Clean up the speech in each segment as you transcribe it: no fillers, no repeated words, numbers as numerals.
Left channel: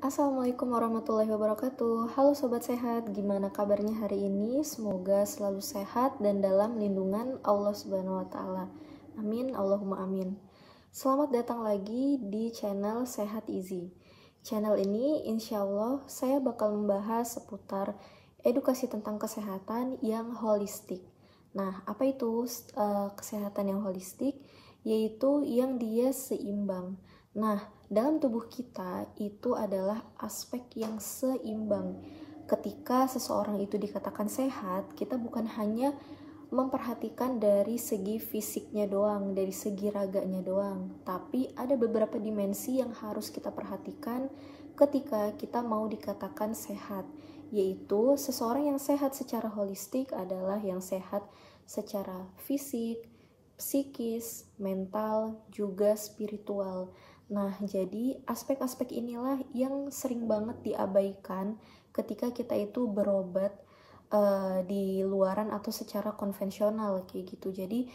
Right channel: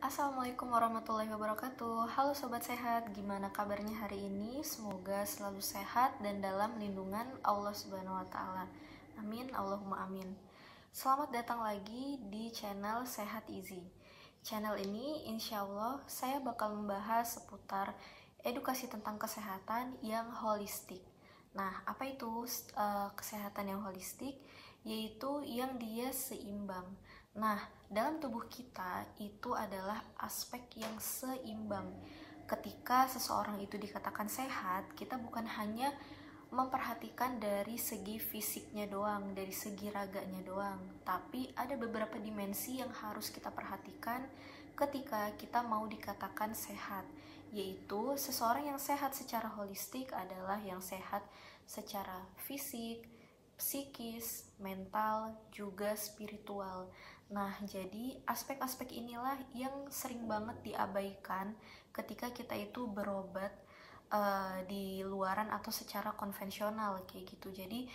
Assalamualaikum warahmatullahi wabarakatuh. Halo sobat sehat, gimana kabarnya hari ini? Semoga selalu sehat dan dalam lindungan Allah Subhanahu wa taala. Amin, Allahumma amin. Selamat datang lagi di channel Sehat Easy. Channel ini insya Allah saya bakal membahas seputar edukasi tentang kesehatan yang holistik. Nah, apa itu kesehatan yang holistik? Yaitu yang dia seimbang. Nah, dalam tubuh kita itu adalah aspek yang seimbang. Ketika seseorang itu dikatakan sehat, kita bukan hanya memperhatikan dari segi fisiknya doang, dari segi raganya doang, tapi ada beberapa dimensi yang harus kita perhatikan ketika kita mau dikatakan sehat, yaitu seseorang yang sehat secara holistik adalah yang sehat secara fisik, psikis, mental, juga spiritual. Nah, jadi aspek-aspek inilah yang sering banget diabaikan ketika kita itu berobat di luaran atau secara konvensional kayak gitu. Jadi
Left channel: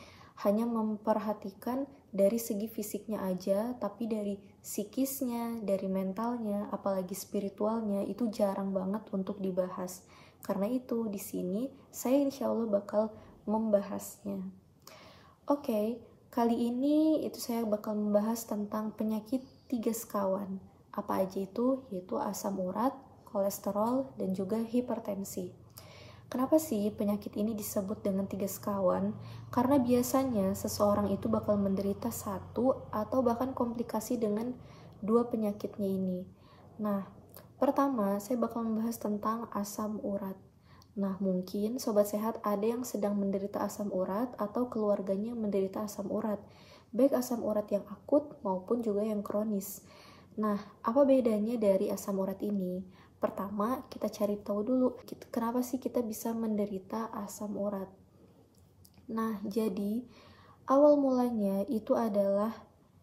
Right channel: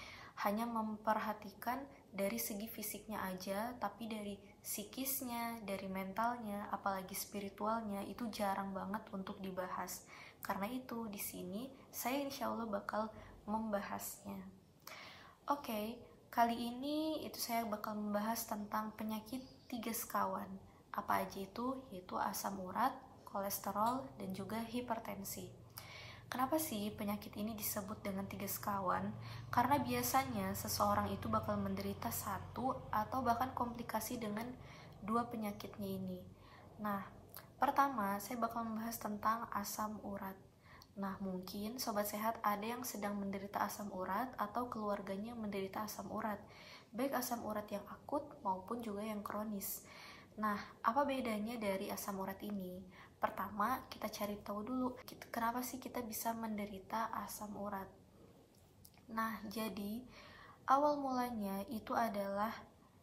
hanya memperhatikan dari segi fisiknya aja, tapi dari psikisnya, dari mentalnya, apalagi spiritualnya itu jarang banget untuk dibahas. Karena itu di sini saya insya Allah bakal membahasnya. Oke, kali ini itu saya bakal membahas tentang penyakit 3 sekawan. Apa aja itu? Yaitu asam urat, kolesterol, dan juga hipertensi. Kenapa sih penyakit ini disebut dengan 3 sekawan? Karena biasanya seseorang itu bakal menderita satu atau bahkan komplikasi dengan 2 penyakitnya ini. Nah, pertama saya bakal membahas tentang asam urat. Nah, mungkin sobat sehat ada yang sedang menderita asam urat atau keluarganya menderita asam urat, baik asam urat yang akut maupun juga yang kronis. Nah, apa bedanya dari asam urat ini? Pertama, kita cari tahu dulu kenapa sih kita bisa menderita asam urat. Nah, jadi awal mulanya itu adalah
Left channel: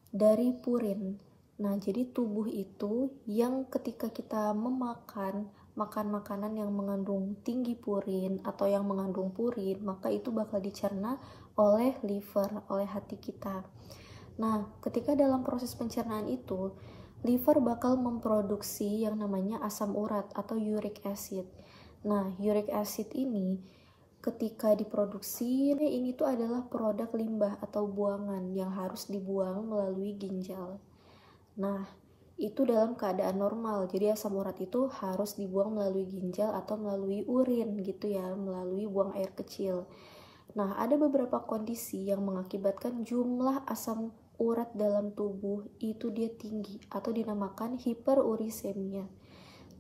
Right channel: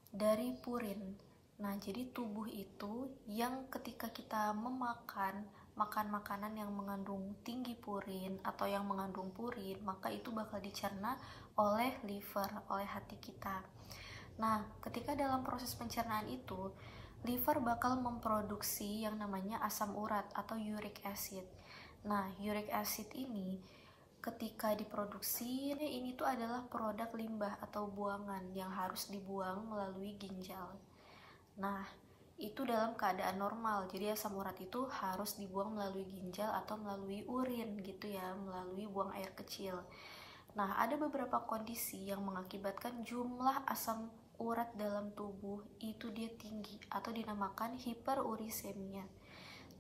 dari purin. Nah, jadi tubuh itu yang ketika kita makan makanan yang mengandung tinggi purin atau yang mengandung purin, maka itu bakal dicerna oleh liver, oleh hati kita. Nah, ketika dalam proses pencernaan itu, liver bakal memproduksi yang namanya asam urat atau uric acid. Nah, uric acid ini ketika diproduksi, ini tuh adalah produk limbah atau buangan yang harus dibuang melalui ginjal. Nah, itu dalam keadaan normal. Jadi asam urat itu harus dibuang melalui ginjal atau melalui urin gitu ya, melalui buang air kecil. Nah, ada beberapa kondisi yang mengakibatkan jumlah asam urat dalam tubuh itu dia tinggi atau dinamakan hiperurisemia.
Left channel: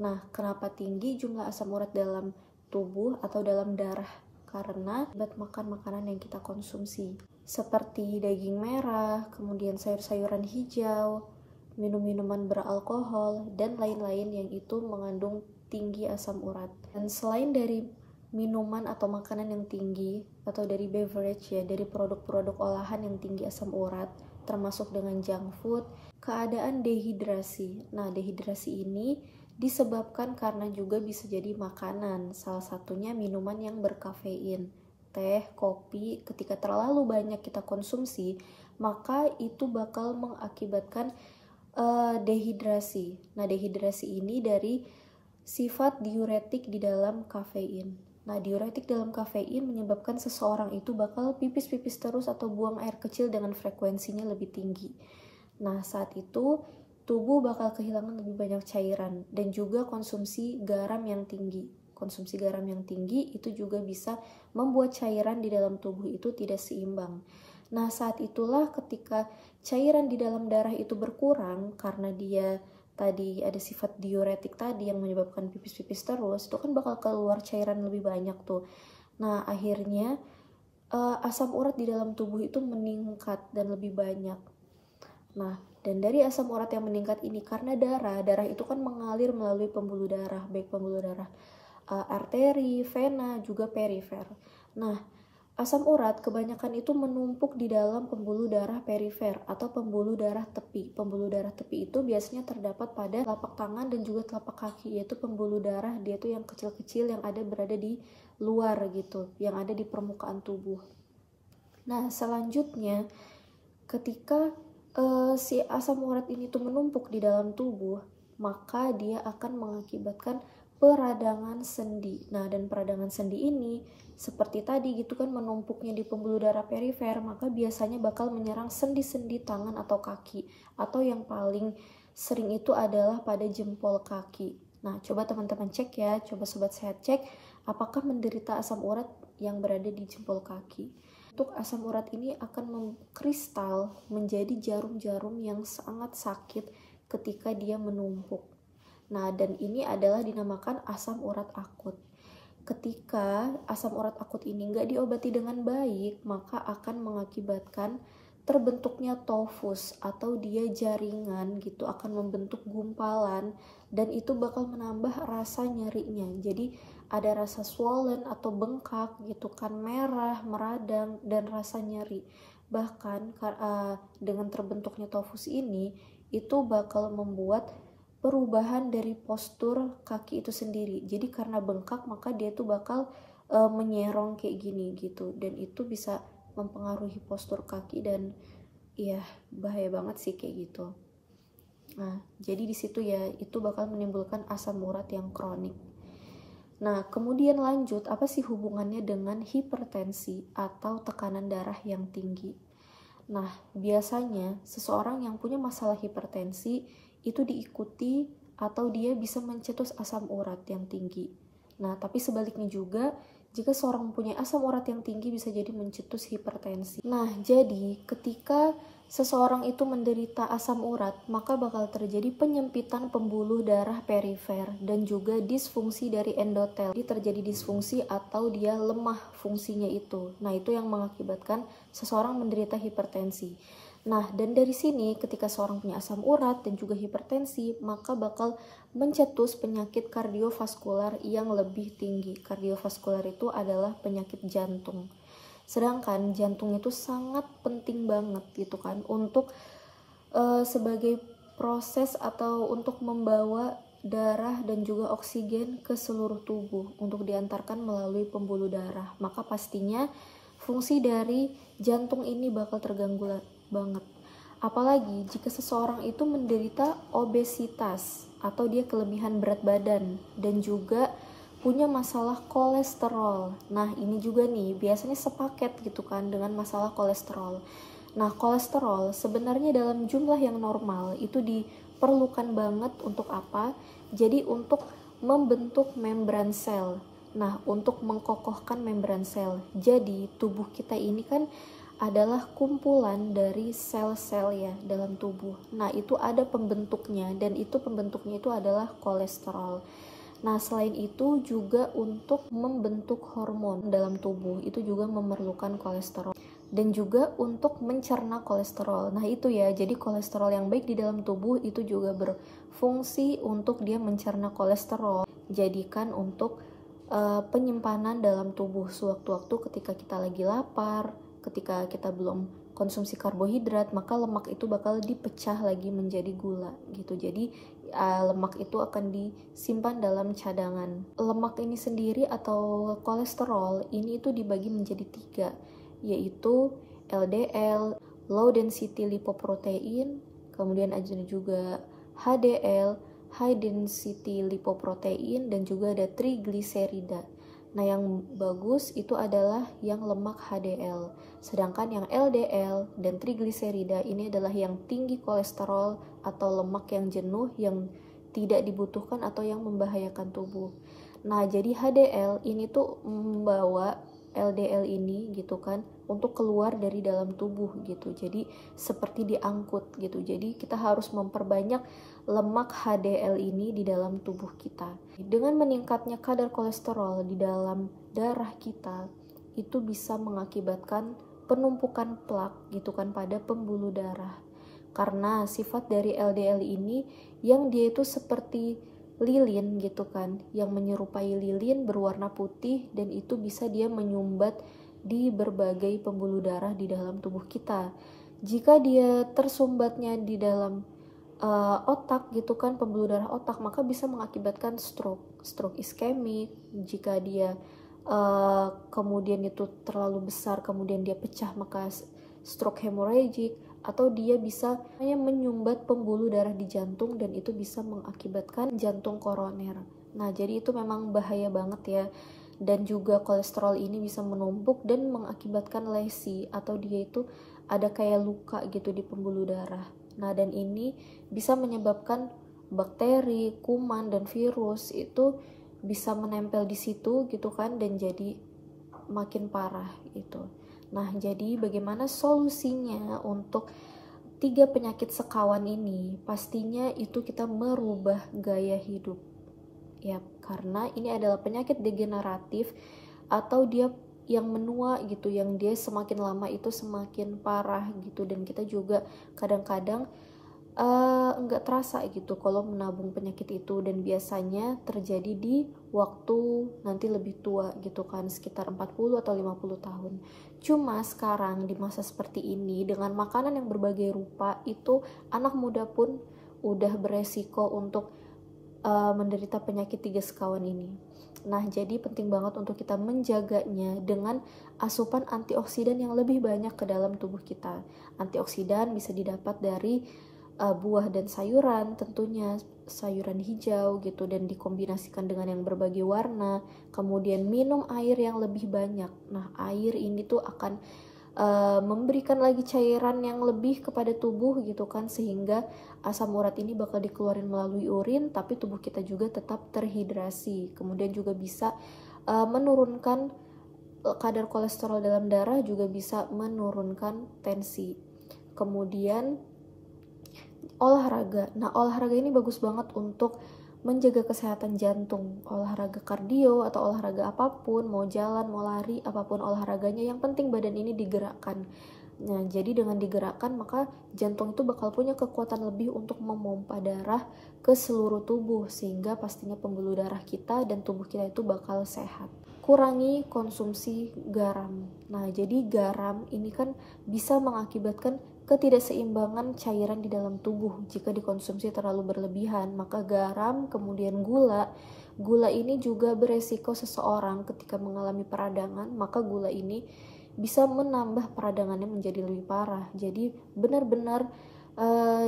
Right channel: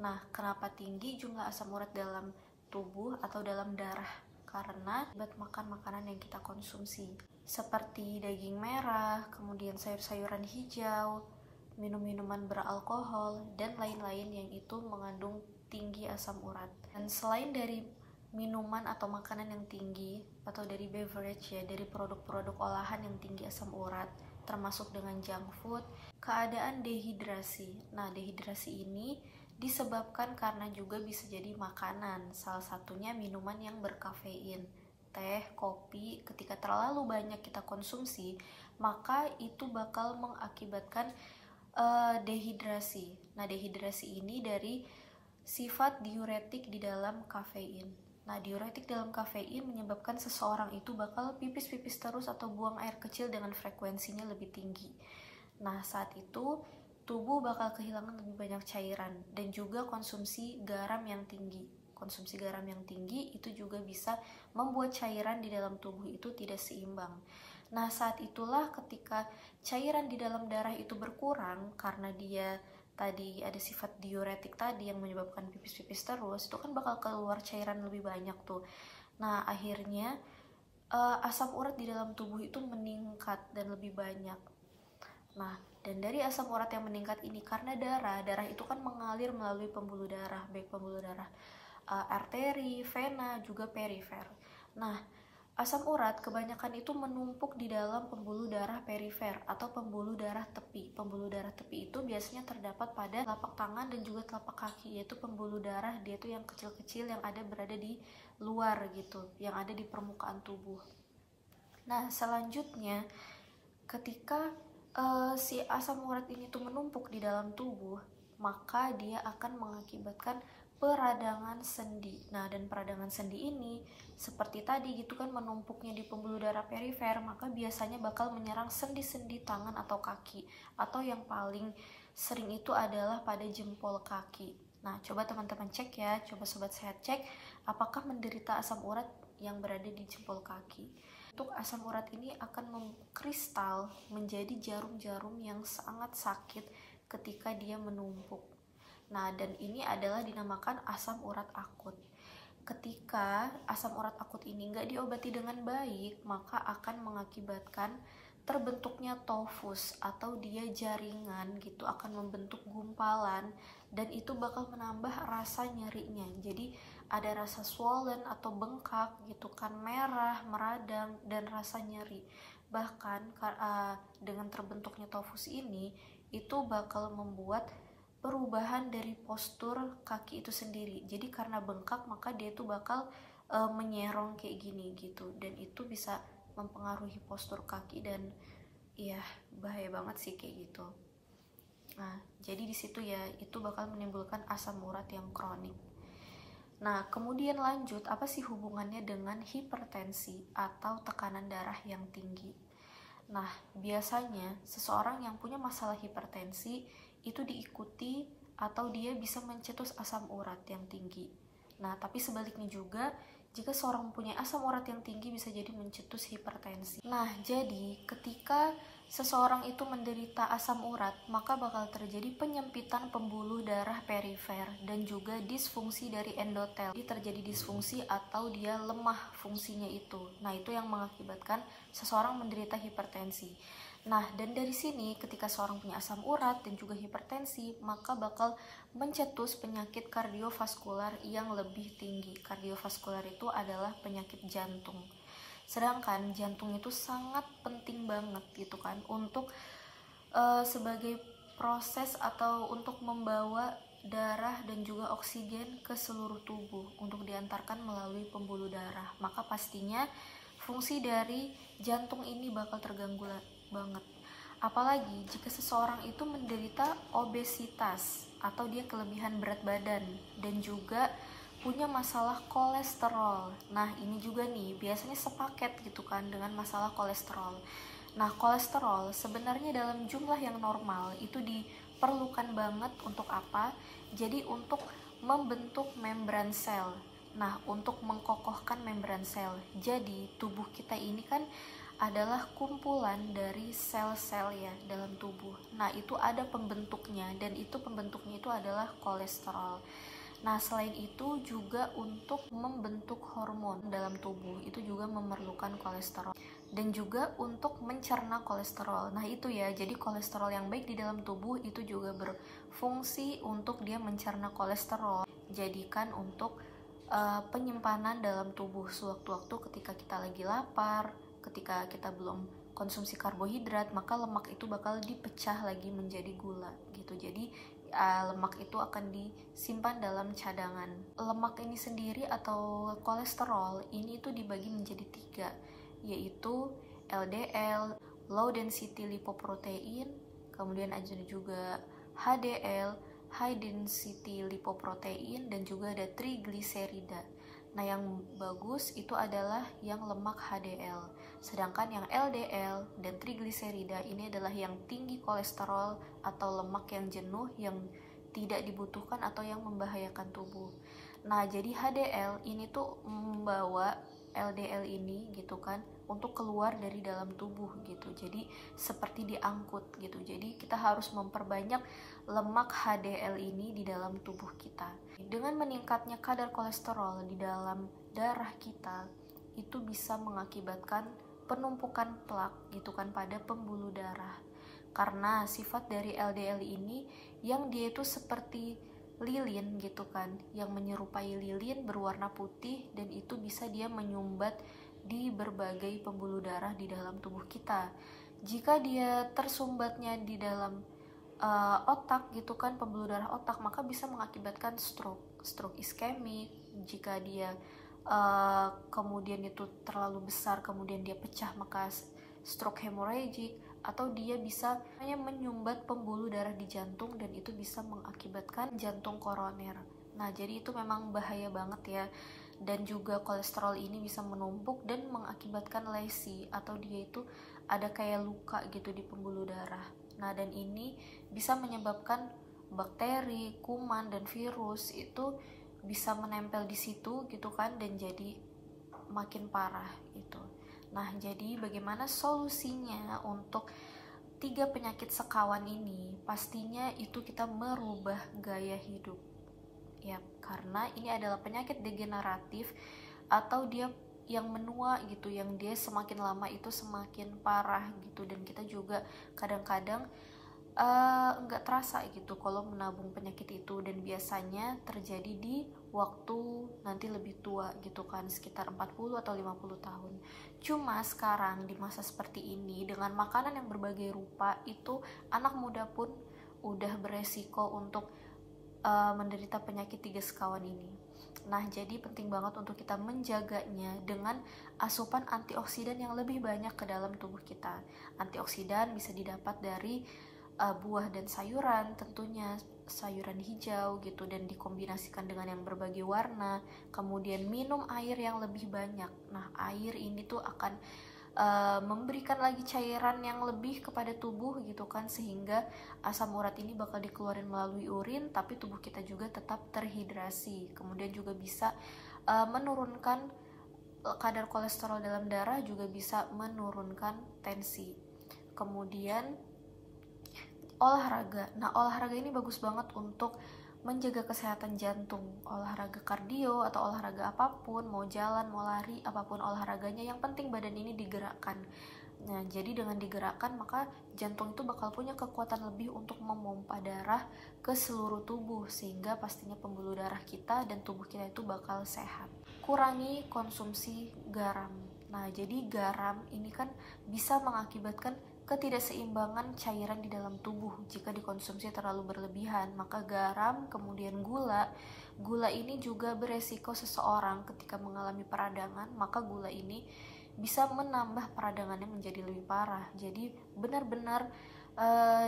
Nah, kenapa tinggi jumlah asam urat dalam tubuh atau dalam darah? Karena akibat makan makanan yang kita konsumsi, seperti daging merah, kemudian sayur-sayuran hijau, minum-minuman beralkohol, dan lain-lain yang itu mengandung tinggi asam urat. Dan selain dari minuman atau makanan yang tinggi, atau dari beverage ya, dari produk-produk olahan yang tinggi asam urat, termasuk dengan junk food, keadaan dehidrasi. Nah, dehidrasi ini disebabkan karena juga bisa jadi makanan, salah satunya minuman yang berkafein, teh, kopi. Ketika terlalu banyak kita konsumsi, maka itu bakal mengakibatkan dehidrasi. Nah, dehidrasi ini dari sifat diuretik di dalam kafein. Nah, diuretik dalam kafein menyebabkan seseorang itu bakal pipis-pipis terus atau buang air kecil dengan frekuensinya lebih tinggi. Nah, saat itu tubuh bakal kehilangan lebih banyak cairan dan juga konsumsi garam yang tinggi. Konsumsi garam yang tinggi itu juga bisa membuat cairan di dalam tubuh itu tidak seimbang. Nah, saat itulah ketika cairan di dalam darah itu berkurang karena dia tadi ada sifat diuretik tadi yang menyebabkan pipis-pipis terus, itu kan bakal keluar cairan lebih banyak tuh. Nah, akhirnya asam urat di dalam tubuh itu meningkat dan lebih banyak. Nah, dan dari asam urat yang meningkat ini karena darah itu kan mengalir melalui pembuluh darah, baik pembuluh darah arteri, vena, juga perifer. Nah, asam urat kebanyakan itu menumpuk di dalam pembuluh darah perifer atau pembuluh darah tepi. Pembuluh darah tepi itu biasanya terdapat pada telapak tangan dan juga telapak kaki, yaitu pembuluh darah dia tuh yang kecil-kecil yang berada di luar gitu, yang ada di permukaan tubuh. Nah, selanjutnya ketika si asam urat ini tuh menumpuk di dalam tubuh, maka dia akan mengakibatkan peradangan sendi. Nah, dan peradangan sendi ini seperti tadi gitu kan, menumpuknya di pembuluh darah perifer, maka biasanya bakal menyerang sendi-sendi tangan atau kaki, atau yang paling sering itu adalah pada jempol kaki. Nah, coba teman-teman cek ya, coba sobat sehat cek apakah menderita asam urat yang berada di jempol kaki. Untuk asam urat ini akan mengkristal menjadi jarum-jarum yang sangat sakit ketika dia menumpuk. Nah, dan ini adalah dinamakan asam urat akut. Ketika asam urat akut ini nggak diobati dengan baik, maka akan mengakibatkan terbentuknya tofus atau dia jaringan gitu, akan membentuk gumpalan, dan itu bakal menambah rasa nyerinya. Jadi ada rasa swollen atau bengkak gitu kan, merah, meradang, dan rasa nyeri. Bahkan dengan terbentuknya tofus ini, itu bakal membuat perubahan dari postur kaki itu sendiri. Jadi karena bengkak, maka dia tuh bakal menyerong kayak gini gitu, dan itu bisa mempengaruhi postur kaki, dan ya bahaya banget sih kayak gitu. Nah, jadi di situ ya itu bakal menimbulkan asam urat yang kronik. Nah, kemudian lanjut, apa sih hubungannya dengan hipertensi atau tekanan darah yang tinggi? Nah, biasanya seseorang yang punya masalah hipertensi itu diikuti atau dia bisa mencetus asam urat yang tinggi. Nah, tapi sebaliknya juga, jika seorang mempunyai asam urat yang tinggi bisa jadi mencetus hipertensi. Nah, jadi ketika seseorang itu menderita asam urat, maka bakal terjadi penyempitan pembuluh darah perifer dan juga disfungsi dari endotel. Jadi terjadi disfungsi atau dia lemah fungsinya itu. Nah, itu yang mengakibatkan seseorang menderita hipertensi. Nah, dan dari sini ketika seorang punya asam urat dan juga hipertensi, maka bakal mencetus penyakit kardiovaskular yang lebih tinggi. Kardiovaskular itu adalah penyakit jantung. Sedangkan jantung itu sangat penting banget gitu kan untuk sebagai proses atau untuk membawa darah dan juga oksigen ke seluruh tubuh untuk diantarkan melalui pembuluh darah. Maka pastinya fungsi dari jantung ini bakal terganggu banget. Apalagi jika seseorang itu menderita obesitas atau dia kelebihan berat badan dan juga punya masalah kolesterol. Nah, ini juga nih biasanya sepaket gitu kan dengan masalah kolesterol. Nah, kolesterol sebenarnya dalam jumlah yang normal itu diperlukan banget untuk apa? Jadi untuk membentuk membran sel. Nah, untuk mengkokohkan membran sel. Jadi, tubuh kita ini kan adalah kumpulan dari sel-sel ya dalam tubuh. Nah, itu ada pembentuknya, dan itu pembentuknya itu adalah kolesterol. Nah, selain itu juga untuk membentuk hormon dalam tubuh itu juga memerlukan kolesterol, dan juga untuk mencerna kolesterol. Nah, itu ya, jadi kolesterol yang baik di dalam tubuh itu juga berfungsi untuk dia mencerna kolesterol, jadikan untuk penyimpanan dalam tubuh sewaktu-waktu ketika kita lagi lapar, ketika kita belum konsumsi karbohidrat, maka lemak itu bakal dipecah lagi menjadi gula gitu. Jadi lemak itu akan disimpan dalam cadangan. Lemak ini sendiri atau kolesterol ini itu dibagi menjadi 3, yaitu LDL, low density lipoprotein, kemudian ada juga HDL, high density lipoprotein, dan juga ada trigliserida. Nah, yang bagus itu adalah yang lemak HDL. Sedangkan yang LDL dan trigliserida ini adalah yang tinggi kolesterol atau lemak yang jenuh yang tidak dibutuhkan atau yang membahayakan tubuh. Nah, jadi HDL ini tuh membawa LDL ini gitu kan untuk keluar dari dalam tubuh gitu. Jadi seperti diangkut gitu. Jadi kita harus memperbanyak lemak HDL ini di dalam tubuh kita. Dengan meningkatnya kadar kolesterol di dalam darah kita, itu bisa mengakibatkan penumpukan plak gitu kan pada pembuluh darah. Karena sifat dari LDL ini yang dia itu seperti lilin gitu kan, yang menyerupai lilin berwarna putih, dan itu bisa dia menyumbat di berbagai pembuluh darah di dalam tubuh kita. Jika dia tersumbatnya di dalam otak gitu kan, pembuluh darah otak, maka bisa mengakibatkan stroke iskemik. Jika dia kemudian itu terlalu besar kemudian dia pecah, maka stroke hemorrhagic, atau dia bisa hanya menyumbat pembuluh darah di jantung dan itu bisa mengakibatkan jantung koroner. Nah, jadi itu memang bahaya banget ya. Dan juga kolesterol ini bisa menumpuk dan mengakibatkan lesi atau dia itu ada kayak luka gitu di pembuluh darah. Nah, dan ini bisa menyebabkan bakteri, kuman, dan virus itu bisa menempel di situ gitu kan, dan jadi makin parah itu. Nah, jadi bagaimana solusinya untuk 3 penyakit sekawan ini? Pastinya itu kita merubah gaya hidup. Ya, karena ini adalah penyakit degeneratif atau dia yang menua gitu, yang dia semakin lama itu semakin parah gitu, dan kita juga kadang-kadang nggak terasa gitu kalau menabung penyakit itu, dan biasanya terjadi di waktu nanti lebih tua gitu kan, sekitar 40 atau 50 tahun. Cuma sekarang di masa seperti ini dengan makanan yang berbagai rupa itu anak muda pun udah beresiko untuk menderita penyakit 3 sekawan ini. Nah, jadi penting banget untuk kita menjaganya dengan asupan antioksidan yang lebih banyak ke dalam tubuh kita. Antioksidan bisa didapat dari buah dan sayuran, tentunya sayuran hijau gitu, dan dikombinasikan dengan yang berbagai warna. Kemudian minum air yang lebih banyak. Nah, air ini tuh akan memberikan lagi cairan yang lebih kepada tubuh gitu kan, sehingga asam urat ini bakal dikeluarin melalui urin, tapi tubuh kita juga tetap terhidrasi. Kemudian juga bisa menurunkan kadar kolesterol dalam darah, juga bisa menurunkan tensi. Kemudian olahraga. Nah, olahraga ini bagus banget untuk menjaga kesehatan jantung. Olahraga kardio atau olahraga apapun, mau jalan, mau lari, apapun olahraganya, yang penting badan ini digerakkan. Nah, jadi dengan digerakkan maka jantung itu bakal punya kekuatan lebih untuk memompa darah ke seluruh tubuh, sehingga pastinya pembuluh darah kita dan tubuh kita itu bakal sehat. Kurangi konsumsi garam. Nah, jadi garam ini kan bisa mengakibatkan ketidakseimbangan cairan di dalam tubuh. Jika dikonsumsi terlalu berlebihan, maka garam, kemudian gula ini juga beresiko seseorang ketika mengalami peradangan, maka gula ini bisa menambah peradangannya menjadi lebih parah. Jadi benar-benar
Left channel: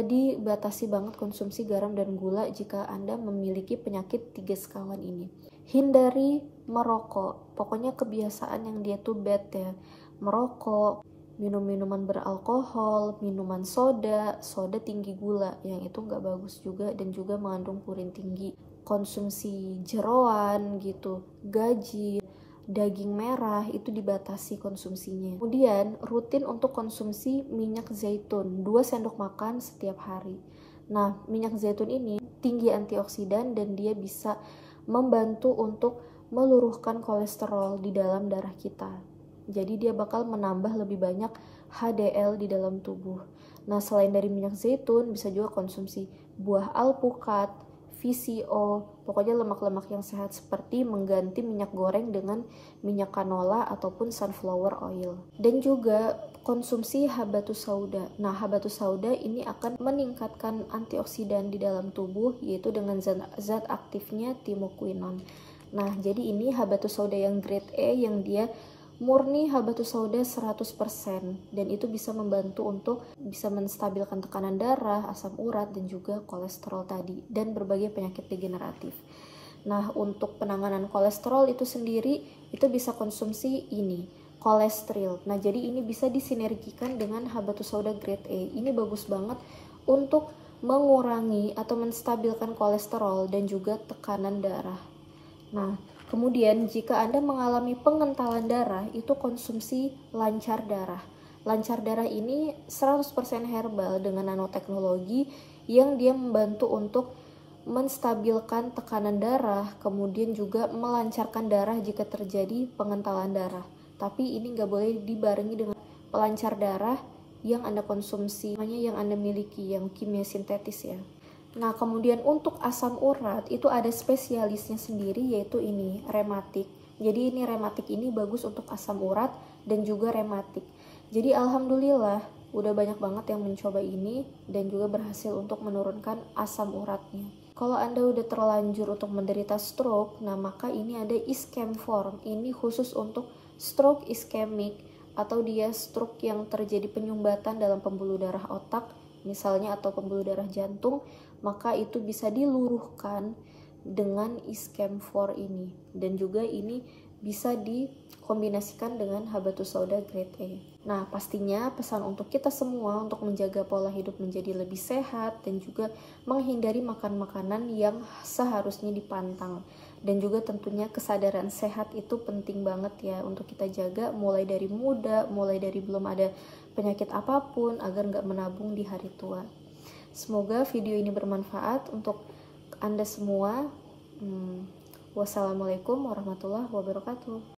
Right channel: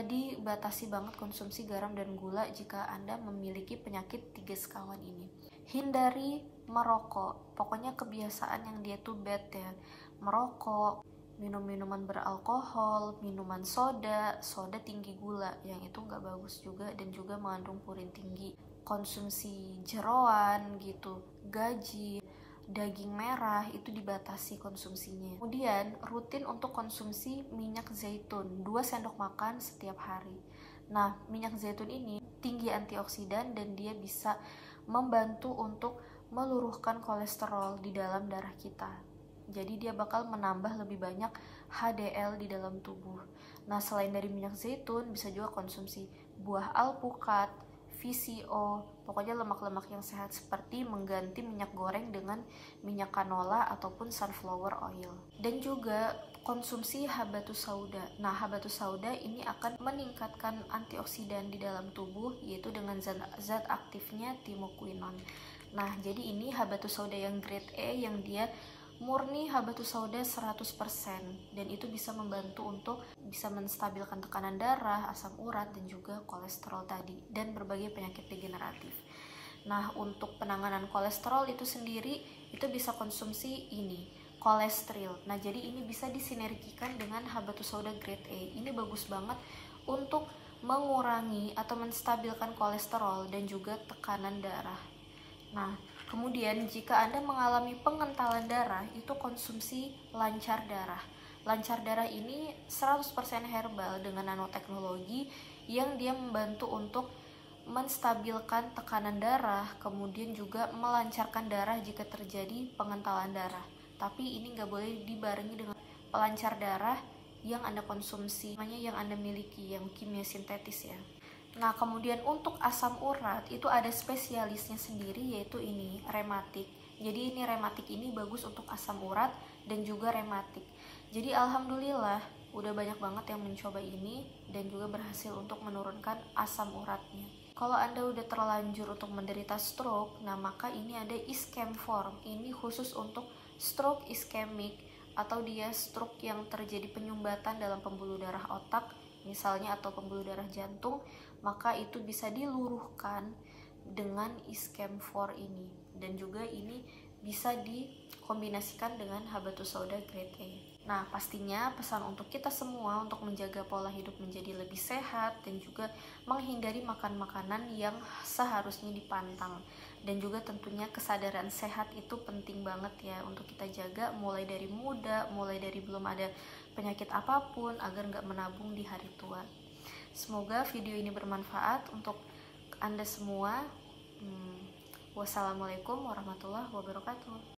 dibatasi banget konsumsi garam dan gula jika Anda memiliki penyakit 3 sekawan ini. Hindari merokok. Pokoknya kebiasaan yang dia tuh bad ya. Merokok, minum minuman beralkohol, minuman soda tinggi gula, yang itu nggak bagus juga dan juga mengandung purin tinggi. Konsumsi jeroan gitu, gaji, daging merah itu dibatasi konsumsinya. Kemudian rutin untuk konsumsi minyak zaitun 2 sendok makan setiap hari. Nah, minyak zaitun ini tinggi antioksidan dan dia bisa membantu untuk meluruhkan kolesterol di dalam darah kita. Jadi dia bakal menambah lebih banyak HDL di dalam tubuh. Nah, selain dari minyak zaitun, bisa juga konsumsi buah alpukat, VCO, pokoknya lemak-lemak yang sehat, seperti mengganti minyak goreng dengan minyak canola ataupun sunflower oil. Dan juga konsumsi habatus sauda. Nah, habatus sauda ini akan meningkatkan antioksidan di dalam tubuh, yaitu dengan zat aktifnya timokuinon. Nah, jadi ini habatus sauda yang grade E, yang dia murni habatus sauda 100%, dan itu bisa membantu untuk bisa menstabilkan tekanan darah, asam urat, dan juga kolesterol tadi, dan berbagai penyakit degeneratif. Nah, untuk penanganan kolesterol itu sendiri, itu bisa konsumsi ini, kolesterol. Nah, jadi ini bisa disinergikan dengan habatus sauda grade E. Ini bagus banget untuk mengurangi atau menstabilkan kolesterol dan juga tekanan darah. Nah, kemudian jika Anda mengalami pengentalan darah, itu konsumsi lancar darah. Lancar darah ini 100% herbal dengan nanoteknologi yang dia membantu untuk menstabilkan tekanan darah, kemudian juga melancarkan darah jika terjadi pengentalan darah. Tapi ini nggak boleh dibarengi dengan pelancar darah yang Anda konsumsi, namanya yang Anda miliki, yang kimia sintetis ya. Nah, kemudian untuk asam urat itu ada spesialisnya sendiri, yaitu ini, rematik. Jadi ini rematik ini bagus untuk asam urat dan juga rematik. Jadi alhamdulillah udah banyak banget yang mencoba ini dan juga berhasil untuk menurunkan asam uratnya. Kalau Anda udah terlanjur untuk menderita stroke, nah maka ini ada ischem form. Ini khusus untuk stroke ischemic atau dia stroke yang terjadi penyumbatan dalam pembuluh darah otak misalnya atau pembuluh darah jantung, maka itu bisa diluruhkan dengan iskemfor ini, dan juga ini bisa dikombinasikan dengan habatus sauda grade A. Nah, pastinya pesan untuk kita semua untuk menjaga pola hidup menjadi lebih sehat dan juga menghindari makan makanan yang seharusnya dipantang. Dan juga tentunya kesadaran sehat itu penting banget ya untuk kita jaga mulai dari muda, mulai dari belum ada penyakit apapun agar nggak menabung di hari tua. Semoga video ini bermanfaat untuk Anda semua. Wassalamualaikum warahmatullahi wabarakatuh.